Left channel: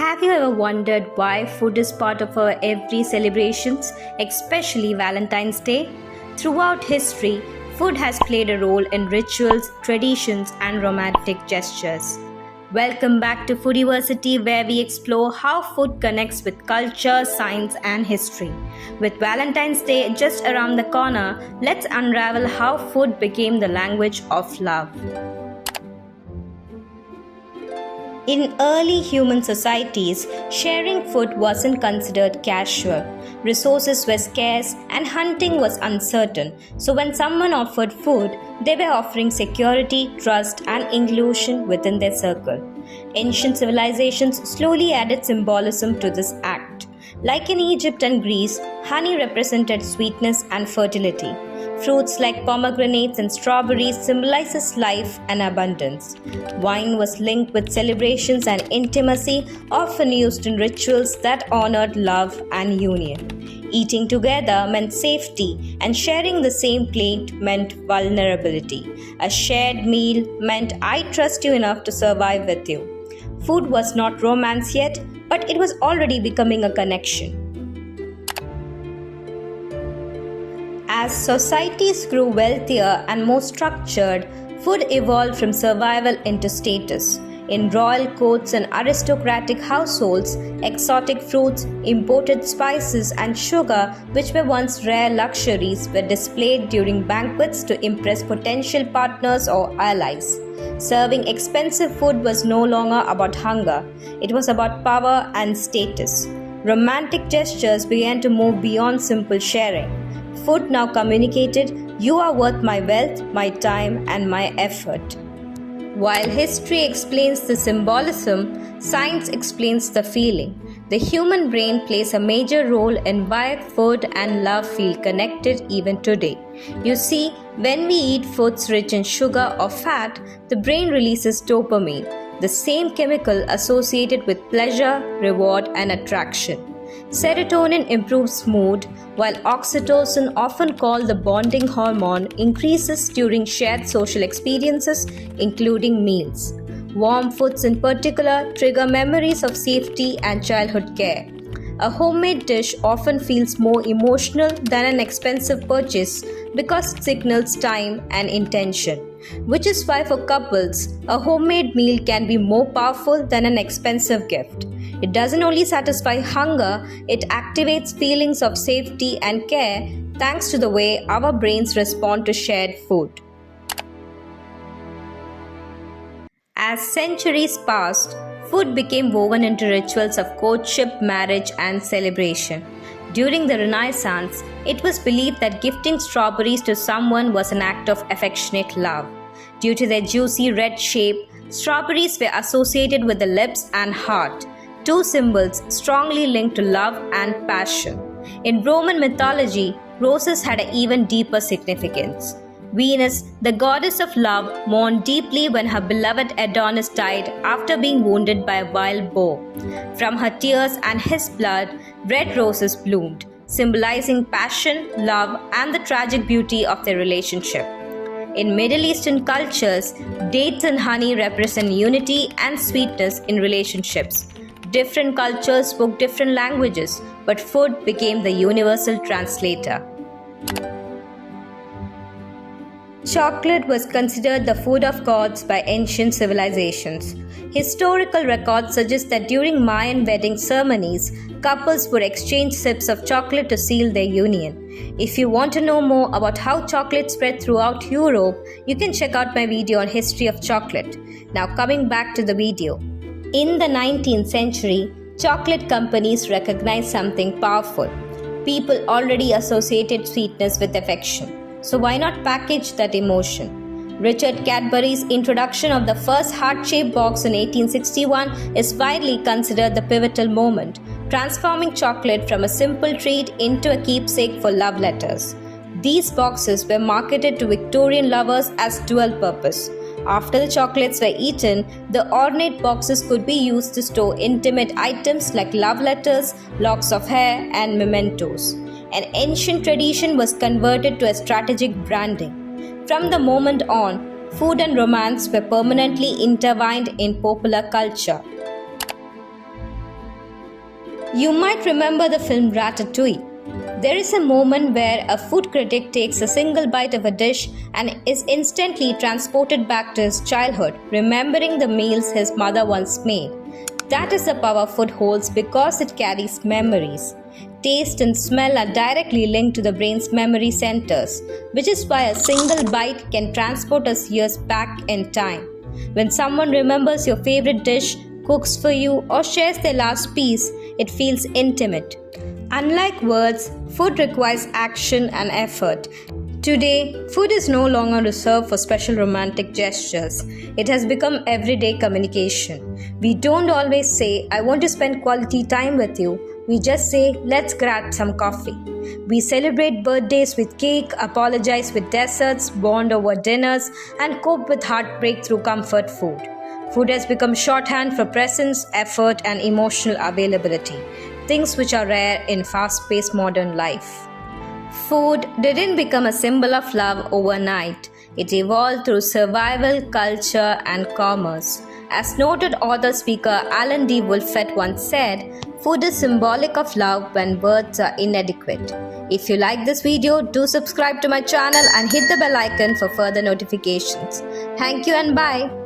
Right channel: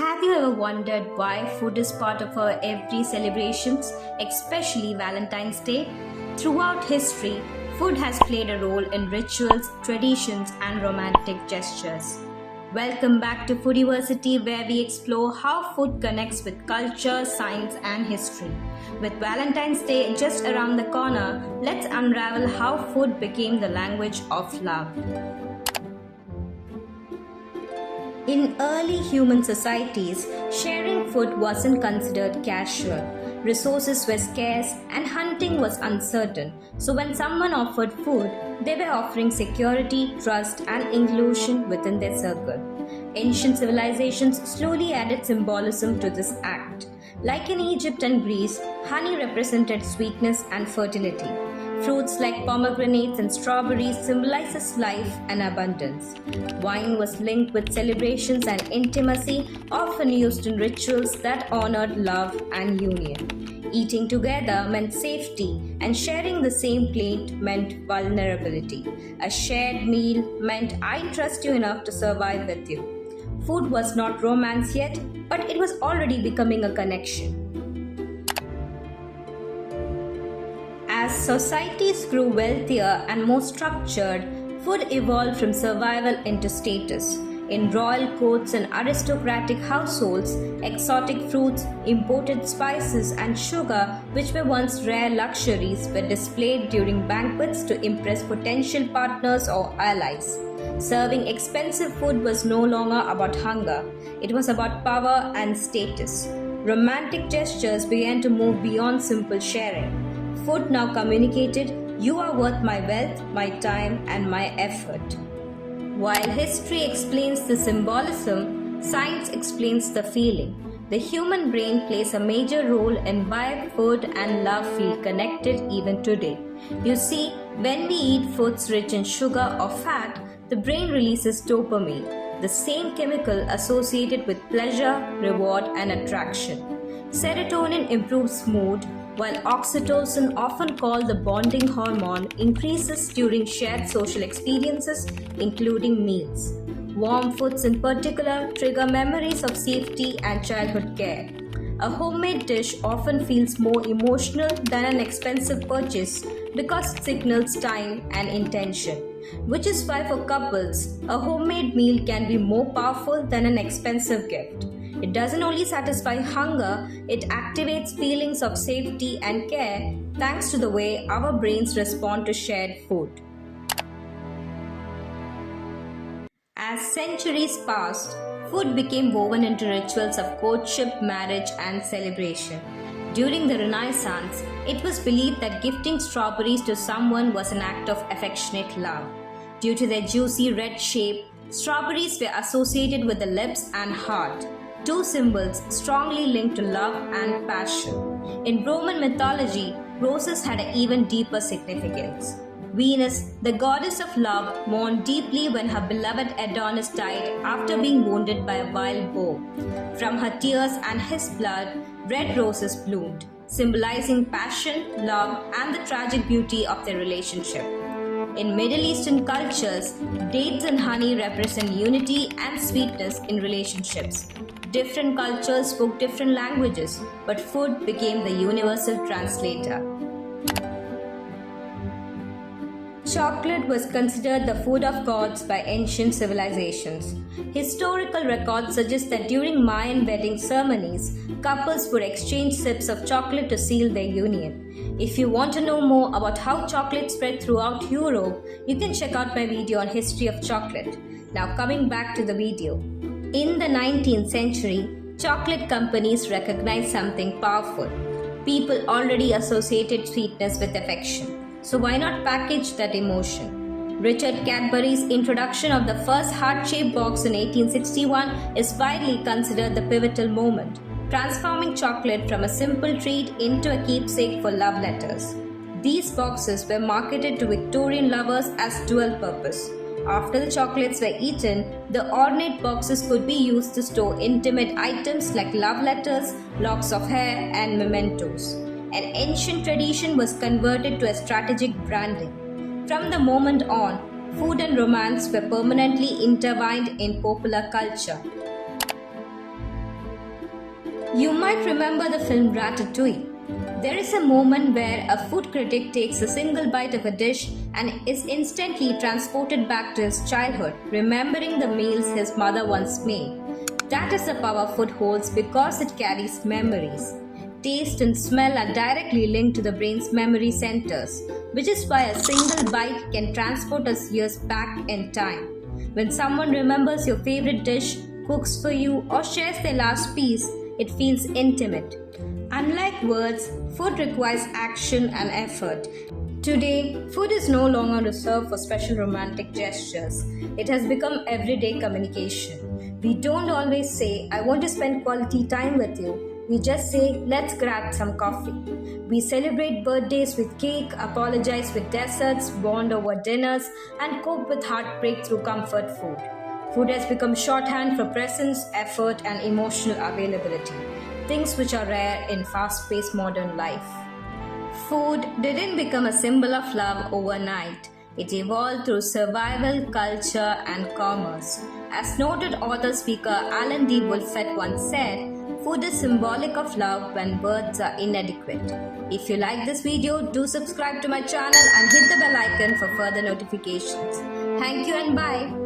Have you ever wondered why food is part of our every celebrations, especially Valentine's Day? Throughout history, food has played a role in rituals, traditions, and romantic gestures. Welcome back to Foodiversity, where we explore how food connects with culture, science, and history. With Valentine's Day just around the corner, let's unravel how food became the language of love. In early human societies, sharing food wasn't considered casual. Resources were scarce and hunting was uncertain. So when someone offered food, they were offering security, trust, and inclusion within their circle. Ancient civilizations slowly added symbolism to this act. Like in Egypt and Greece, honey represented sweetness and fertility. Fruits like pomegranates and strawberries symbolizes life and abundance. Wine was linked with celebrations and intimacy, often used in rituals that honored love and union. Eating together meant safety, and sharing the same plate meant vulnerability. A shared meal meant I trust you enough to survive with you. Food was not romance yet, but it was already becoming a connection. As societies grew wealthier and more structured, food evolved from survival into status. In royal courts and aristocratic households, exotic fruits, imported spices, and sugar, which were once rare luxuries, were displayed during banquets to impress potential partners or allies. Serving expensive food was no longer about hunger, it was about power and status. Romantic gestures began to move beyond simple sharing. Food now communicated, "You are worth my wealth, my time, and my effort." While history explains the symbolism, science explains the feeling. The human brain plays a major role in why food and love feel connected even today. You see, when we eat foods rich in sugar or fat, the brain releases dopamine, the same chemical associated with pleasure, reward, and attraction. Serotonin improves mood, while oxytocin, often called the bonding hormone, increases during shared social experiences, including meals. Warm foods in particular trigger memories of safety and childhood care. A homemade dish often feels more emotional than an expensive purchase because it signals time and intention. Which is why for couples, a homemade meal can be more powerful than an expensive gift. It doesn't only satisfy hunger, it activates feelings of safety and care thanks to the way our brains respond to shared food. As centuries passed, food became woven into rituals of courtship, marriage, and celebration. During the Renaissance, it was believed that gifting strawberries to someone was an act of affectionate love. Due to their juicy red shape, strawberries were associated with the lips and heart, two symbols strongly linked to love and passion. In Roman mythology, roses had an even deeper significance. Venus, the goddess of love, mourned deeply when her beloved Adonis died after being wounded by a wild boar. From her tears and his blood, red roses bloomed, symbolizing passion, love, and the tragic beauty of their relationship. In Middle Eastern cultures, dates and honey represent unity and sweetness in relationships. Different cultures spoke different languages, but food became the universal translator. Chocolate was considered the food of gods by ancient civilizations. Historical records suggest that during Mayan wedding ceremonies, couples would exchange sips of chocolate to seal their union. If you want to know more about how chocolate spread throughout Europe, you can check out my video on history of chocolate. Now coming back to the video. In the 19th century, chocolate companies recognized something powerful. People already associated sweetness with affection. So why not package that emotion? Richard Cadbury's introduction of the first heart-shaped box in 1861 is widely considered the pivotal moment, transforming chocolate from a simple treat into a keepsake for love letters. These boxes were marketed to Victorian lovers as dual purpose. After the chocolates were eaten, the ornate boxes could be used to store intimate items like love letters, locks of hair, and mementos. An ancient tradition was converted to a strategic branding. From the moment on, food and romance were permanently intertwined in popular culture. You might remember the film Ratatouille. There is a moment where a food critic takes a single bite of a dish and is instantly transported back to his childhood, remembering the meals his mother once made. That is the power food holds because it carries memories. Taste and smell are directly linked to the brain's memory centers, which is why a single bite can transport us years back in time. When someone remembers your favorite dish, cooks for you, or shares their last piece, it feels intimate. Unlike words, food requires action and effort. Today, food is no longer reserved for special romantic gestures. It has become everyday communication. We don't always say, I want to spend quality time with you. We just say, let's grab some coffee. We celebrate birthdays with cake, apologize with desserts, bond over dinners, and cope with heartbreak through comfort food. Food has become shorthand for presence, effort, and emotional availability, things which are rare in fast-paced modern life. Food didn't become a symbol of love overnight. It evolved through survival, culture, and commerce. As noted author speaker Alan D. Wolfett once said, food is symbolic of love when words are inadequate. If you like this video, do subscribe to my channel and hit the bell icon for further notifications. Thank you and bye.